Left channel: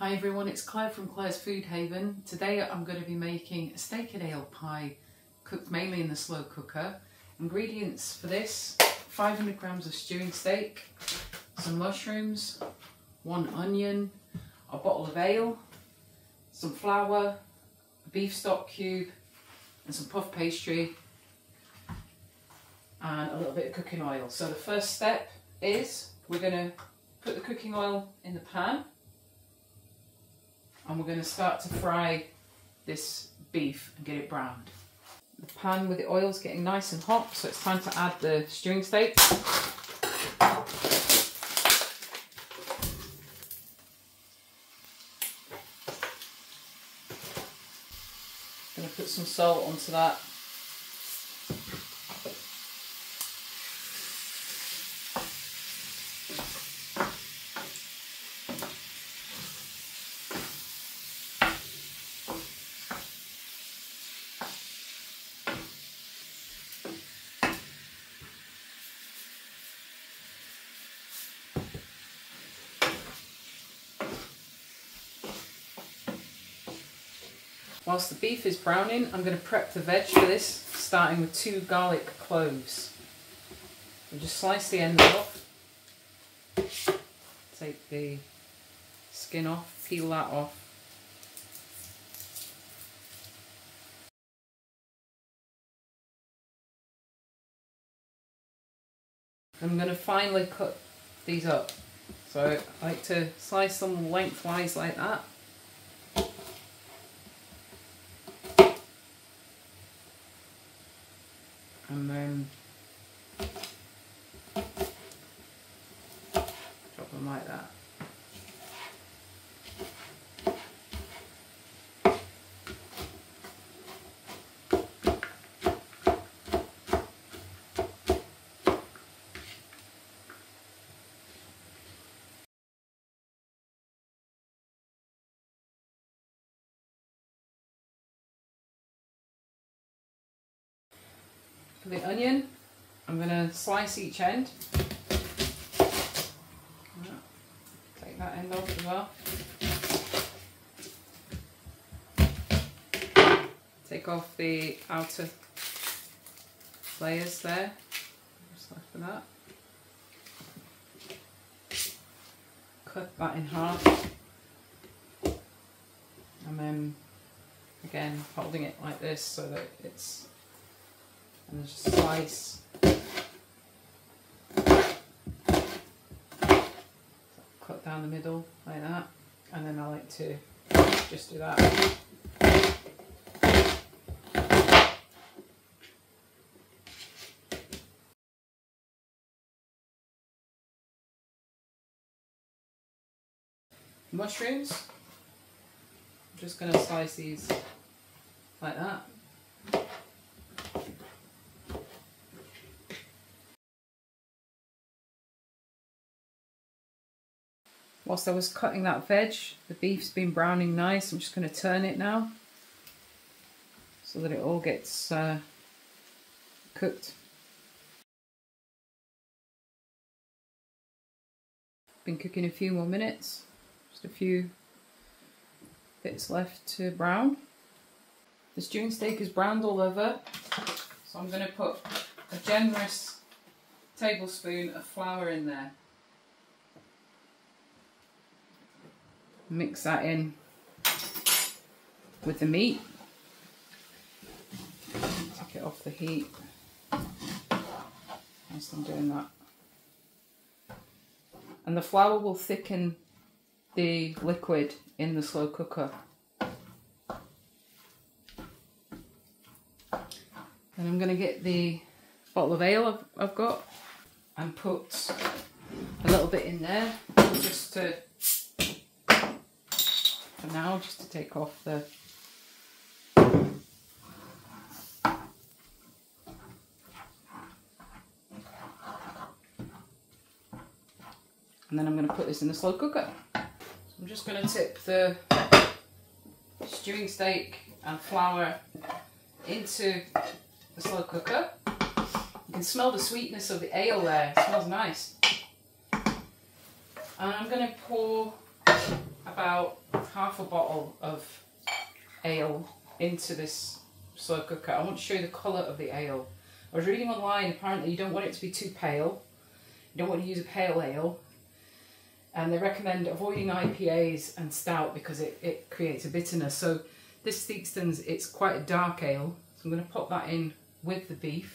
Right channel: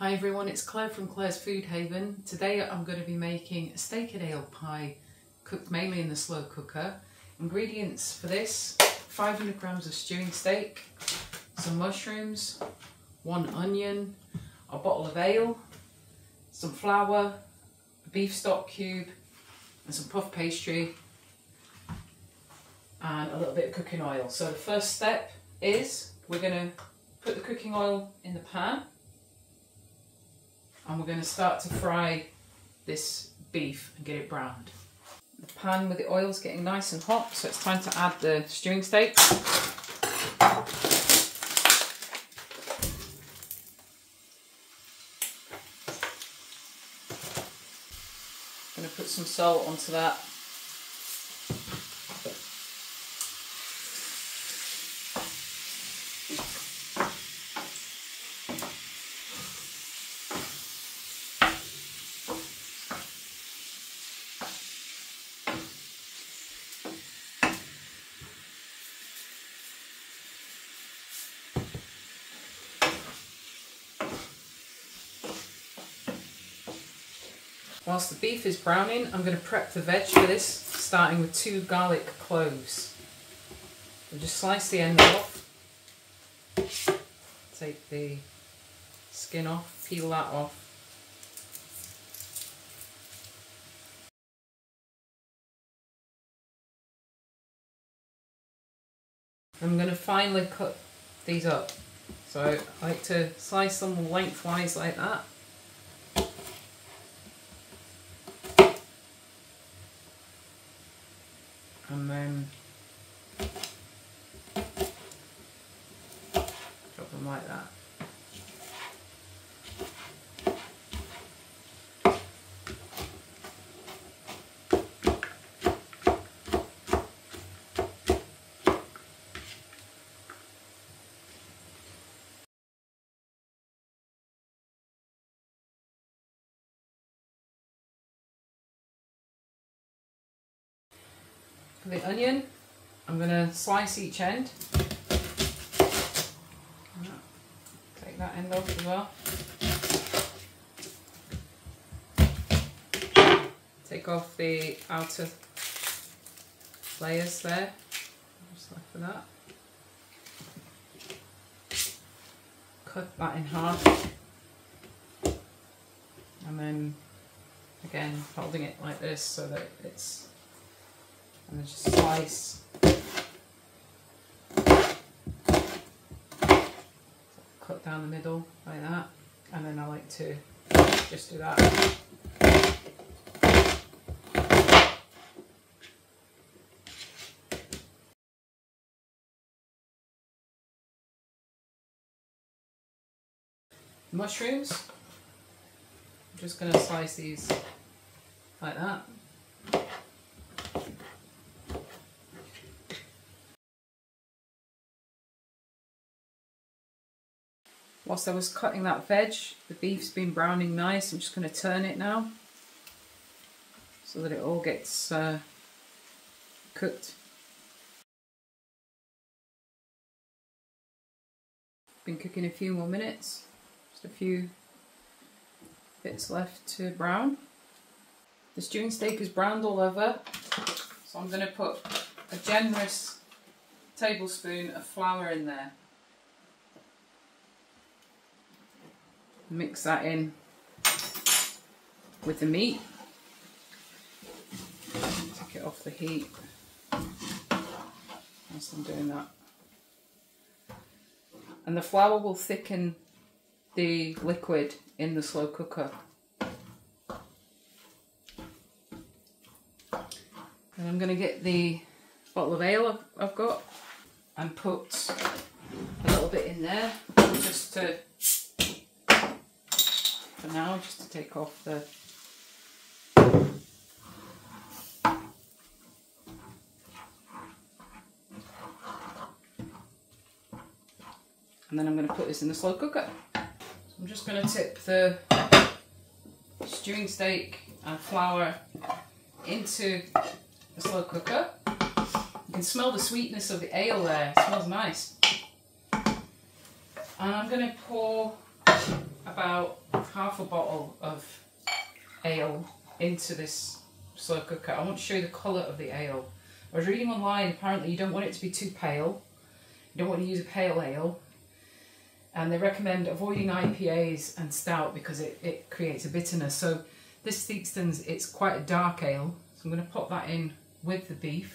Hi everyone, it's Claire from Claire's Food Haven. Today I'm going to be making a steak and ale pie cooked mainly in the slow cooker. Ingredients for this: 500 grams of stewing steak, some mushrooms, 1 onion, a bottle of ale, some flour, a beef stock cube and some puff pastry and a little bit of cooking oil. So the first step is we're going to put the cooking oil in the pan. And we're going to start to fry this beef and get it browned. The pan with the oil's getting nice and hot, so it's time to add the stewing steak. I'm going to put some salt onto that. Whilst the beef is browning, I'm going to prep the veg for this, starting with 2 garlic cloves. So just slice the end off, take the skin off, peel that off. I'm going to finely cut these up. So I like to slice them lengthwise like that. And then drop them like that. For the onion, I'm going to slice each end. Take that end off as well. Take off the outer layers there. Just left for that. Cut that in half. And then again holding it like this so that it's, and just slice. Cut down the middle like that, and then I like to just do that. Mushrooms, I'm just going to slice these like that. Whilst I was cutting that veg, the beef's been browning nice. I'm just going to turn it now so that it all gets cooked. Been cooking a few more minutes, just a few bits left to brown. The stewing steak is browned all over, so I'm going to put a generous tablespoon of flour in there. Mix that in with the meat. Take it off the heat whilst I'm doing that. And the flour will thicken the liquid in the slow cooker. And I'm going to get the bottle of ale I've got and put a little bit in there just to, for now, just to take off the and then I'm going to put this in the slow cooker. So I'm just going to tip the stewing steak and flour into the slow cooker. You can smell the sweetness of the ale there, it smells nice. And I'm going to pour about half a bottle of ale into this slow cooker. I want to show you the colour of the ale. I was reading online, apparently you don't want it to be too pale. You don't want to use a pale ale. And they recommend avoiding IPAs and stout because it creates a bitterness. So this Theakstons, it's quite a dark ale. So I'm going to pop that in with the beef.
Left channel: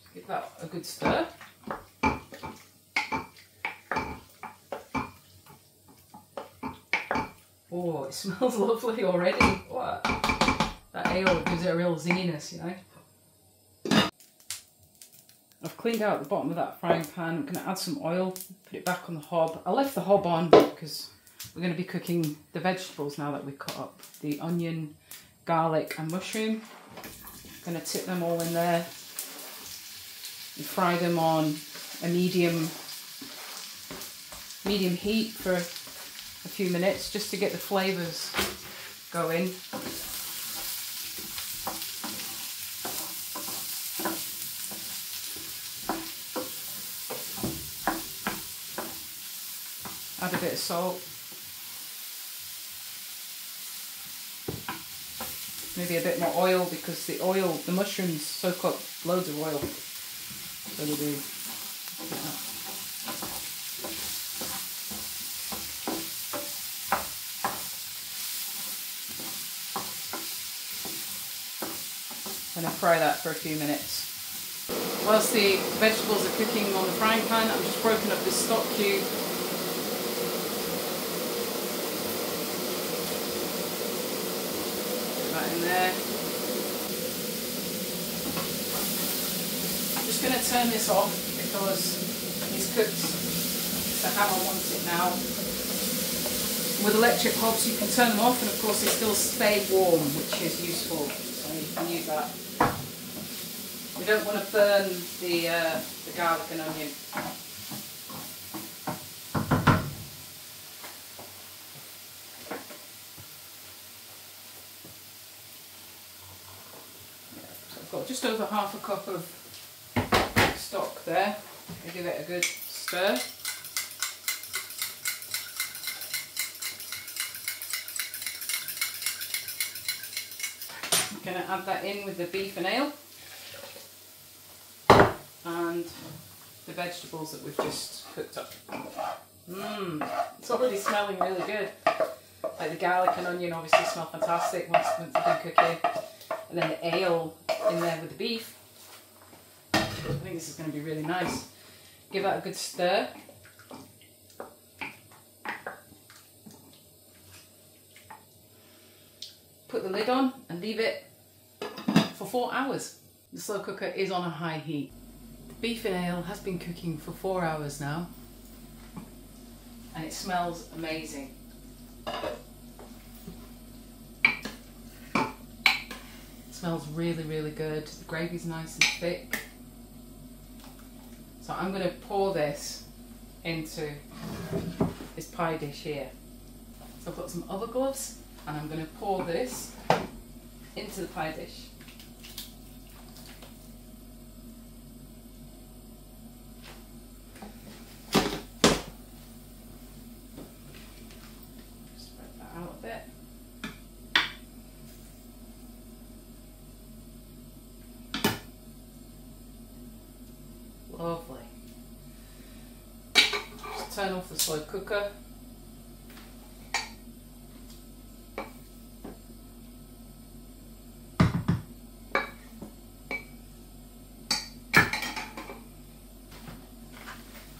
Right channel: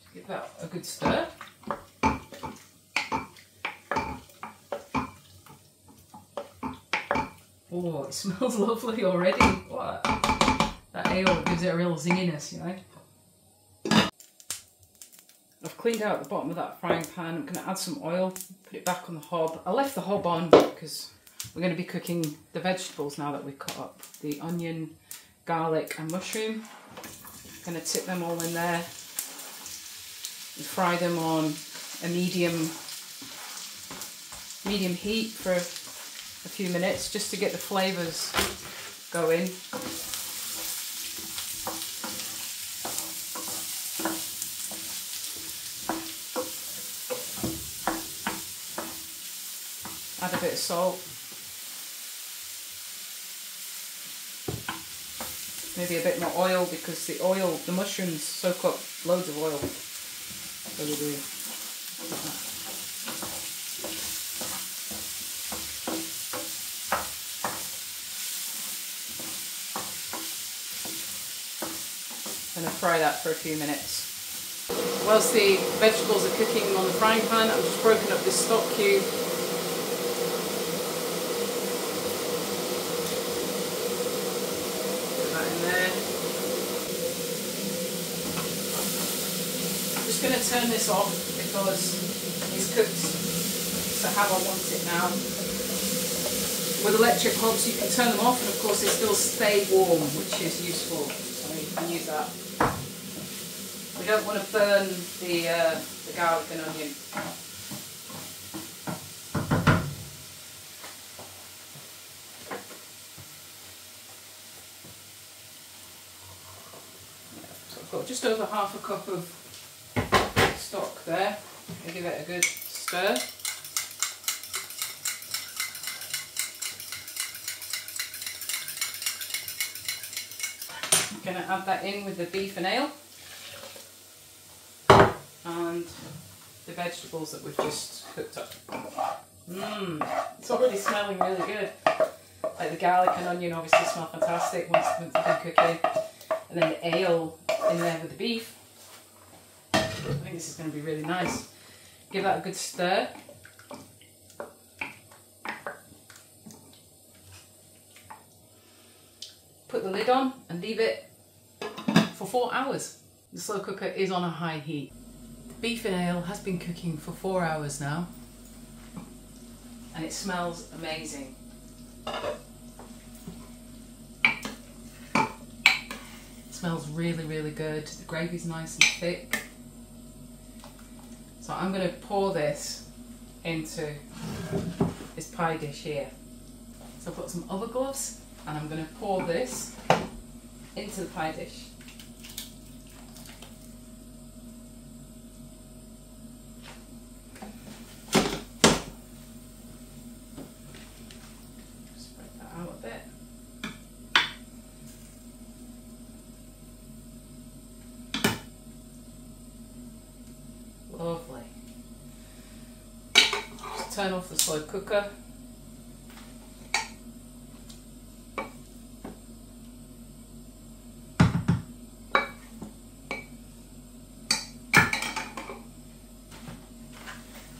Just give that a good stir. Oh, it smells lovely already. What? That ale gives it a real zinginess, you know. I've cleaned out the bottom of that frying pan. I'm going to add some oil, put it back on the hob. I left the hob on because we're going to be cooking the vegetables now that we've cut up. The onion, garlic and mushroom. I'm going to tip them all in there and fry them on a medium heat for a few minutes just to get the flavours going. Add a bit of salt, maybe a bit more oil because the mushrooms soak up loads of oil. So we do. I'm going to fry that for a few minutes. Whilst the vegetables are cooking on the frying pan, I've just broken up this stock cube. Put that in there. I'm just going to turn this off because it's cooked to how I want it now. With electric hobs you can turn them off and of course they still stay warm, which is useful. You can use that. We don't want to burn the garlic and onion. So I've got just over half a cup of stock there. I'll give it a good stir. I'm going to add that in with the beef and ale and the vegetables that we've just cooked up. It's already smelling really good. Like the garlic and onion obviously smell fantastic once they've been cooking. And then the ale in there with the beef. I think this is going to be really nice. Give that a good stir. Put the lid on and leave it for 4 hours. The slow cooker is on a high heat. The beef and ale has been cooking for 4 hours now and it smells amazing. It smells really, really good. The gravy's nice and thick. So I'm going to pour this into this pie dish here. So I've got some other gloves and I'm going to pour this into the pie dish. Spread that out a bit. Lovely. Just turn off the slow cooker.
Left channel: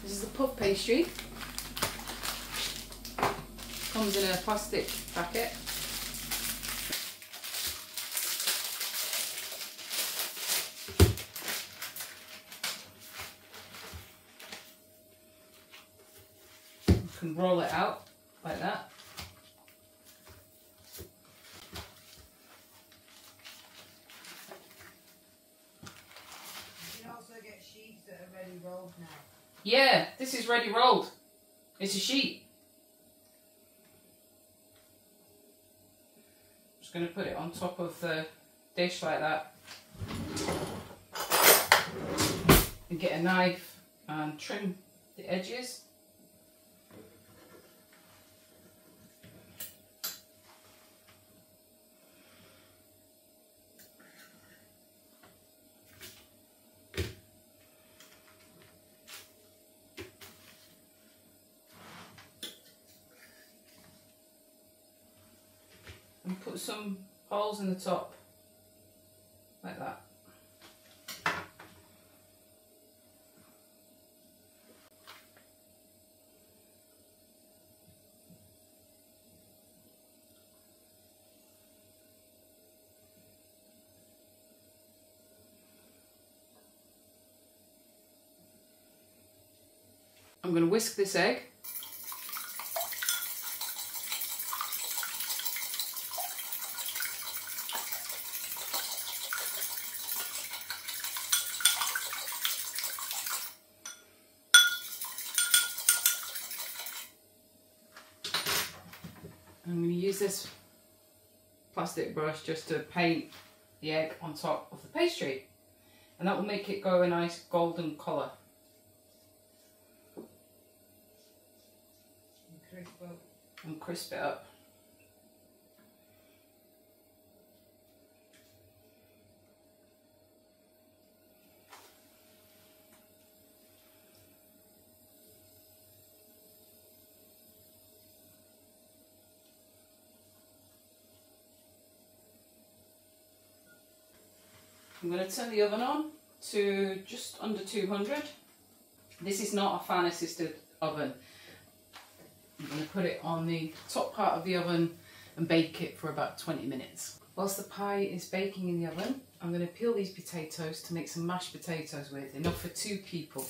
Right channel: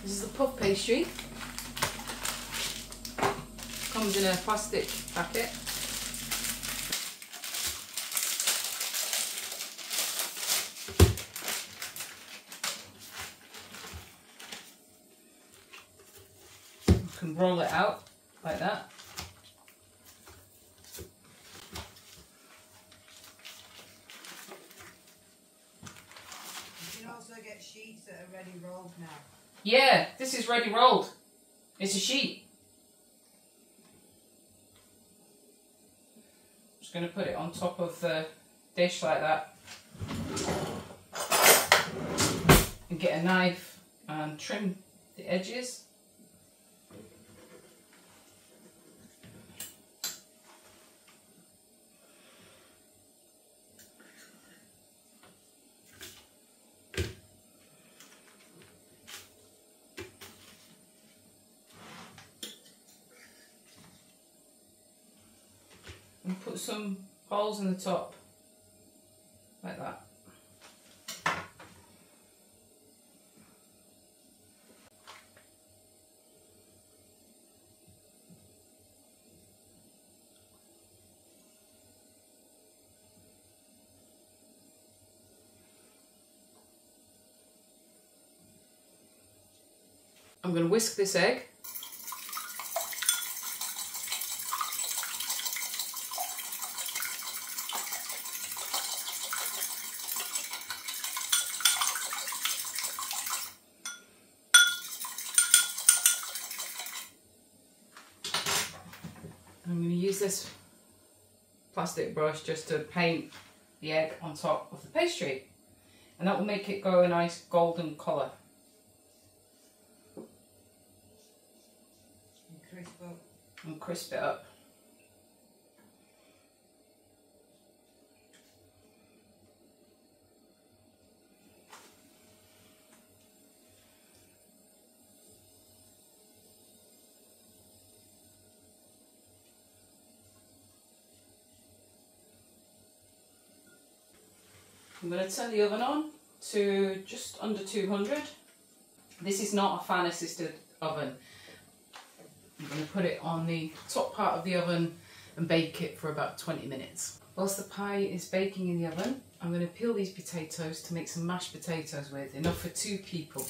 This is the puff pastry. Comes in a plastic packet. You can roll it out like that. You can also get sheets that are ready rolled now. Yeah, this is ready rolled. It's a sheet. Just going to put it on top of the dish like that. And get a knife and trim the edges. and put some holes in the top, like that. I'm going to whisk this egg. I'm going to use this plastic brush just to paint the egg on top of the pastry, and that will make it go a nice golden colour. And crisp it up. I'm going to turn the oven on to just under 200. This is not a fan assisted oven. I'm going to put it on the top part of the oven and bake it for about 20 minutes. Whilst the pie is baking in the oven, I'm going to peel these potatoes to make some mashed potatoes with, enough for 2 people.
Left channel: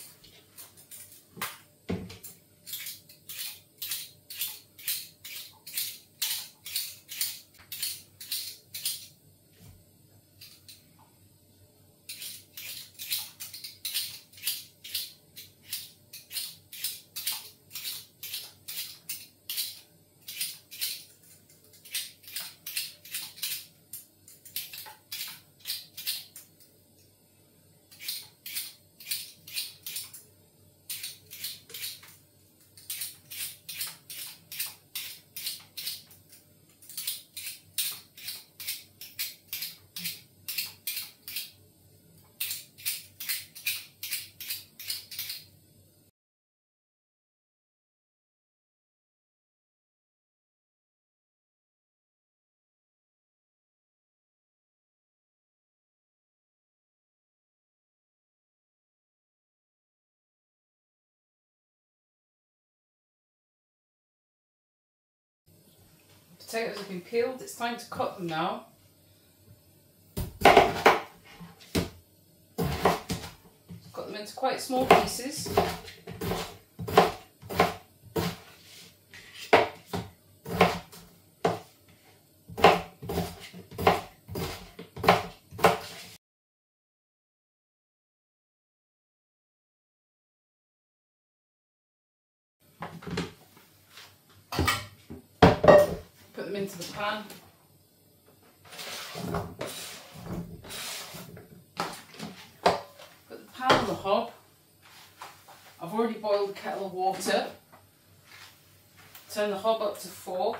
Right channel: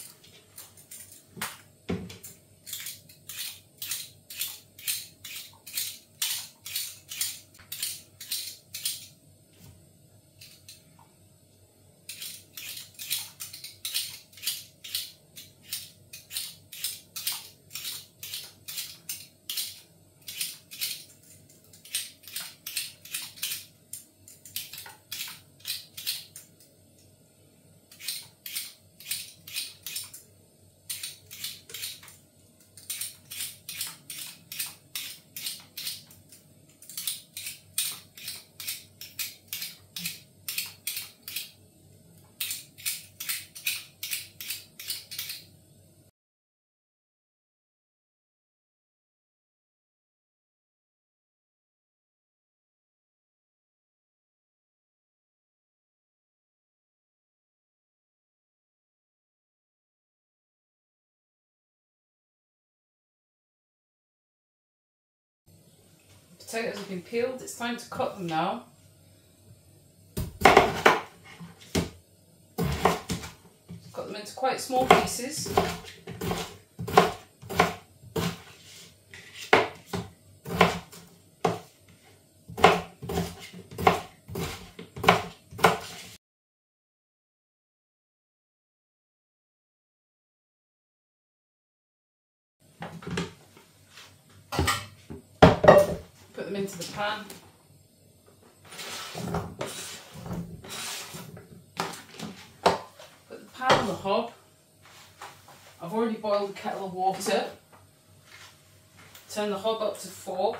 Potatoes have been peeled, it's time to cut them now. Cut them into quite small pieces. Put them into the pan. Put the pan on the hob. I've already boiled a kettle of water. Turn the hob up to 4.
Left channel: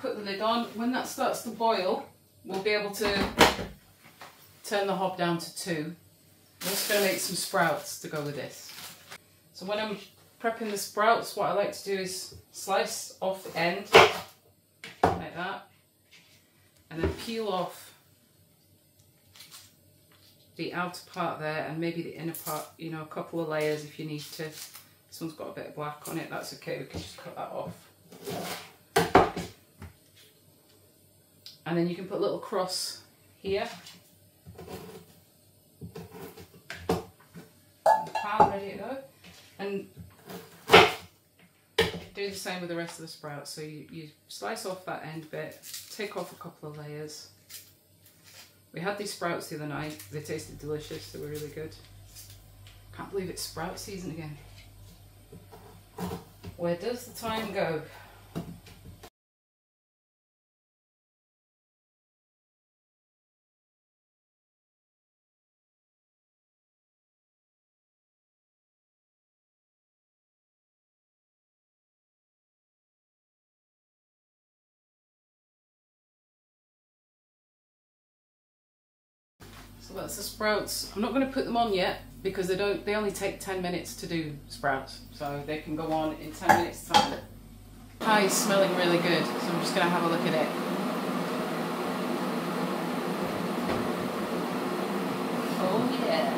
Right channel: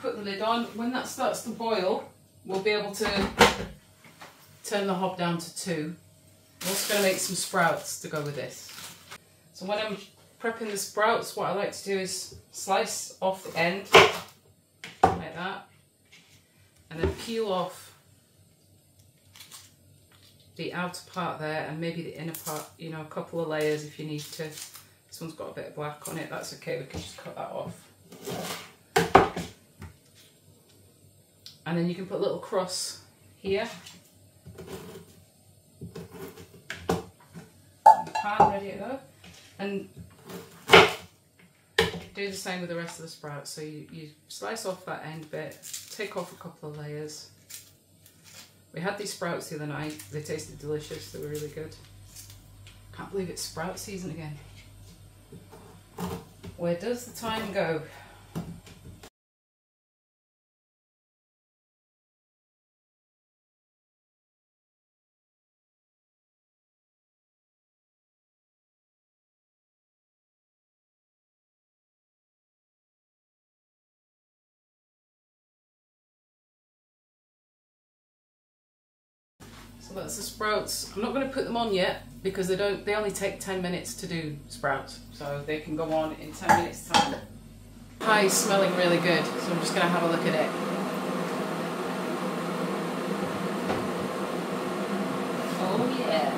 Put the lid on. When that starts to boil, we'll be able to turn the hob down to 2. I'm also going to make some sprouts to go with this. So when I'm prepping the sprouts, what I like to do is slice off the end, like that, and then peel off the outer part there and maybe the inner part, you know, a couple of layers if you need to. This one's got a bit of black on it, that's okay, we can just cut that off. And then you can put a little cross here. Pan ready to go, and do the same with the rest of the sprouts. So you slice off that end bit, take off a couple of layers. We had these sprouts the other night, they tasted delicious, they were really good. Can't believe it's sprout season again. Where does the time go? So that's the sprouts. I'm not going to put them on yet because they only take 10 minutes to do sprouts, so they can go on in 10 minutes time. Pie is smelling really good, so I'm just going to have a look at it. Oh yeah.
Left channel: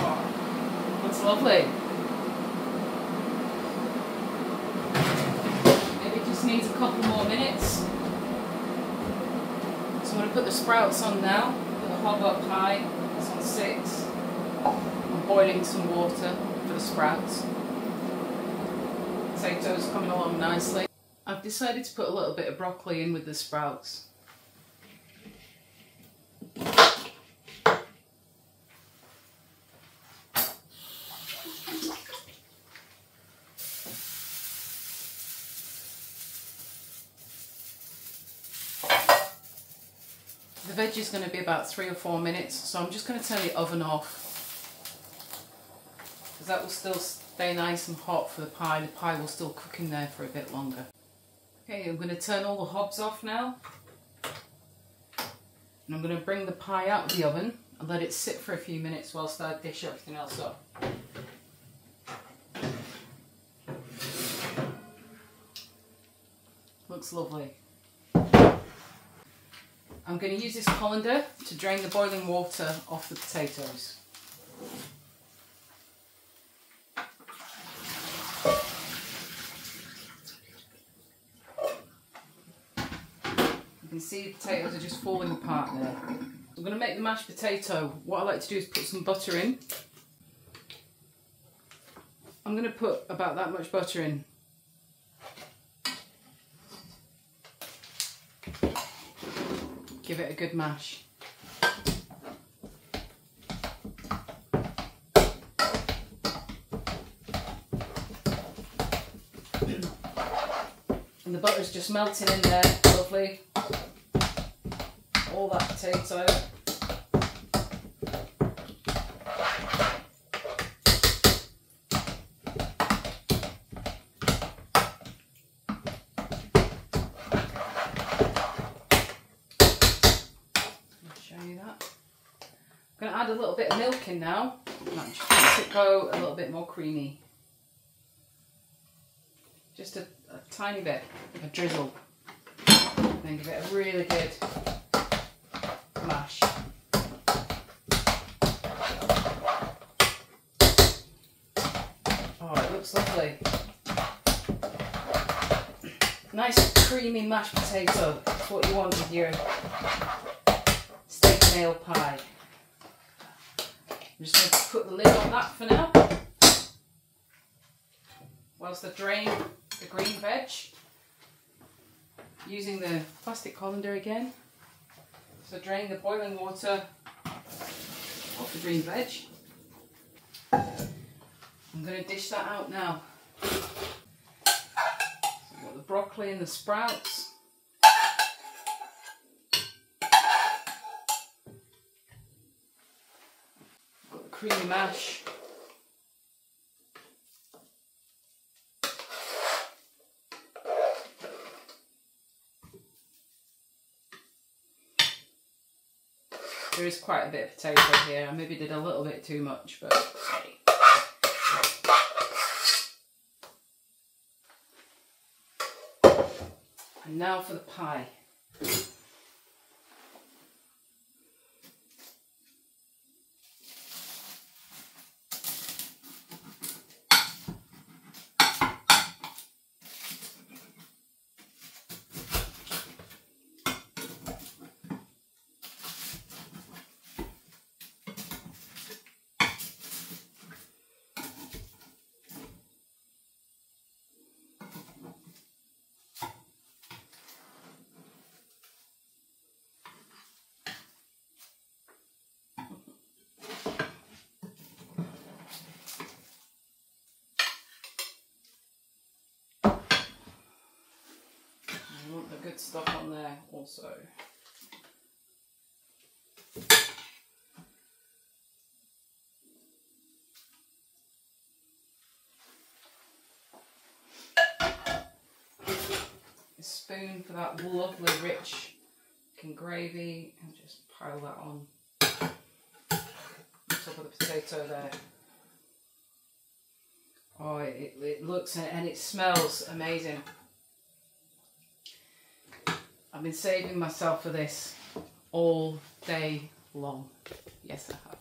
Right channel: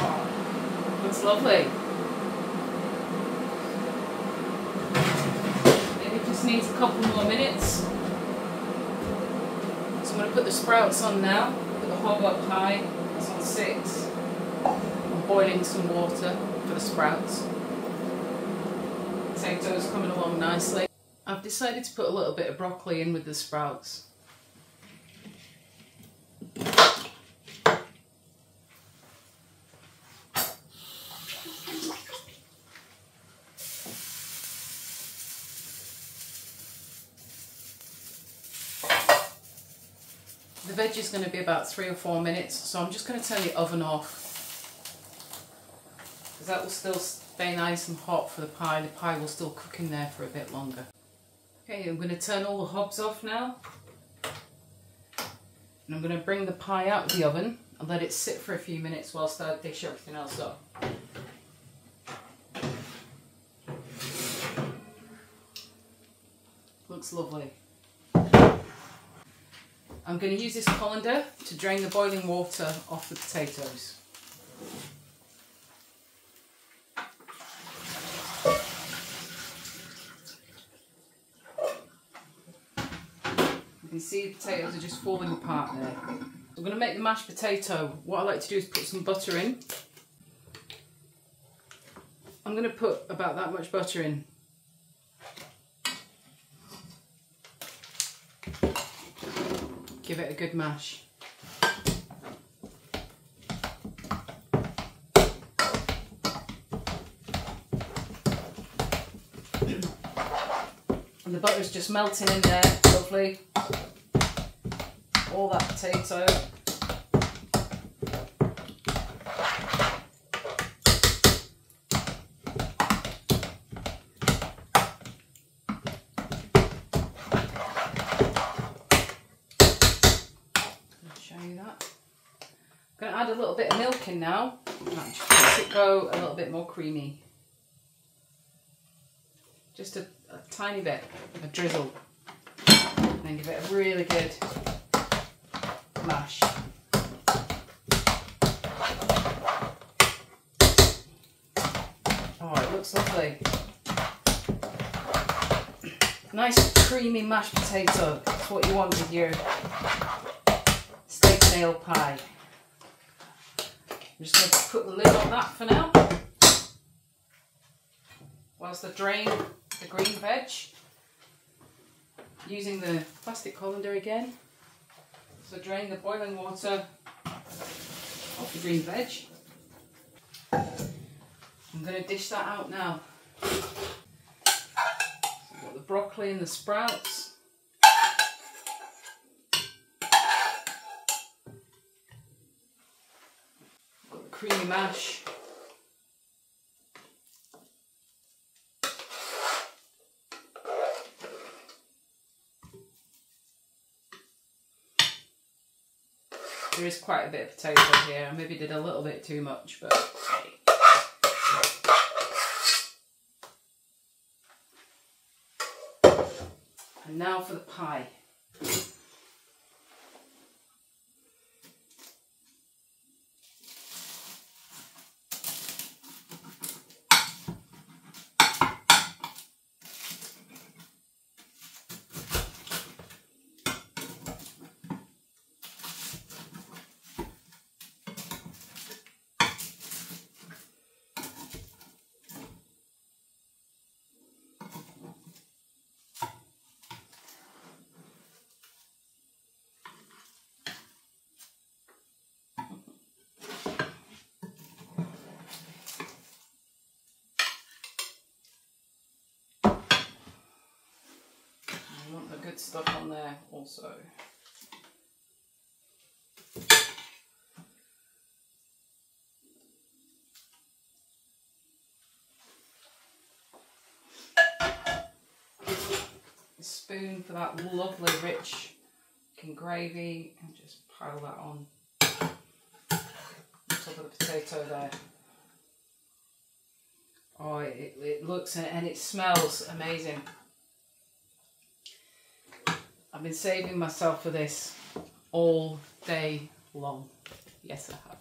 Oh, that's lovely. Maybe it just needs a couple more minutes. So I'm going to put the sprouts on now. Put the hob up high. It's on 6. I'm boiling some water for the sprouts. Potatoes coming along nicely. I've decided to put a little bit of broccoli in with the sprouts. The veg is going to be about 3 or 4 minutes, so I'm just going to turn the oven off because that will still stay nice and hot for the pie. The pie will still cook in there for a bit longer. Okay, I'm going to turn all the hobs off now, and I'm going to bring the pie out of the oven and let it sit for a few minutes whilst I dish everything else up. Looks lovely. I'm going to use this colander to drain the boiling water off the potatoes. You can see the potatoes are just falling apart there. I'm going to make the mashed potato. What I like to do is put some butter in. I'm going to put about that much butter in. Give it a good mash. And the butter's just melting in there, lovely. All that potato. I'm going to add a little bit of milk in now. That just makes it go a little bit more creamy. Just a tiny bit, a drizzle. And then give it a really good mash. Oh, it looks lovely. Nice creamy mashed potato. That's what you want with your steak and ale pie. I'm just going to put the lid on that for now, whilst I drain the green veg, using the plastic colander again. So drain the boiling water off the green veg. I'm going to dish that out now. So I've got the broccoli and the sprouts. Creamy mash. There is quite a bit of potato here. I maybe did a little bit too much, but and now for the pie. I want the good stuff on there also. A spoon for that lovely rich looking gravy and just pile that on. top of the potato there. Oh, it looks and it smells amazing. I've been saving myself for this all day long. Yes, I have.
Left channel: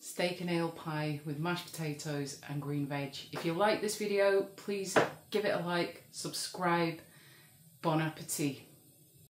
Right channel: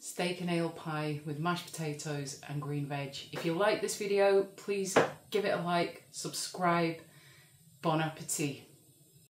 Steak and ale pie with mashed potatoes and green veg. If you like this video, please give it a like, subscribe. Bon appetit.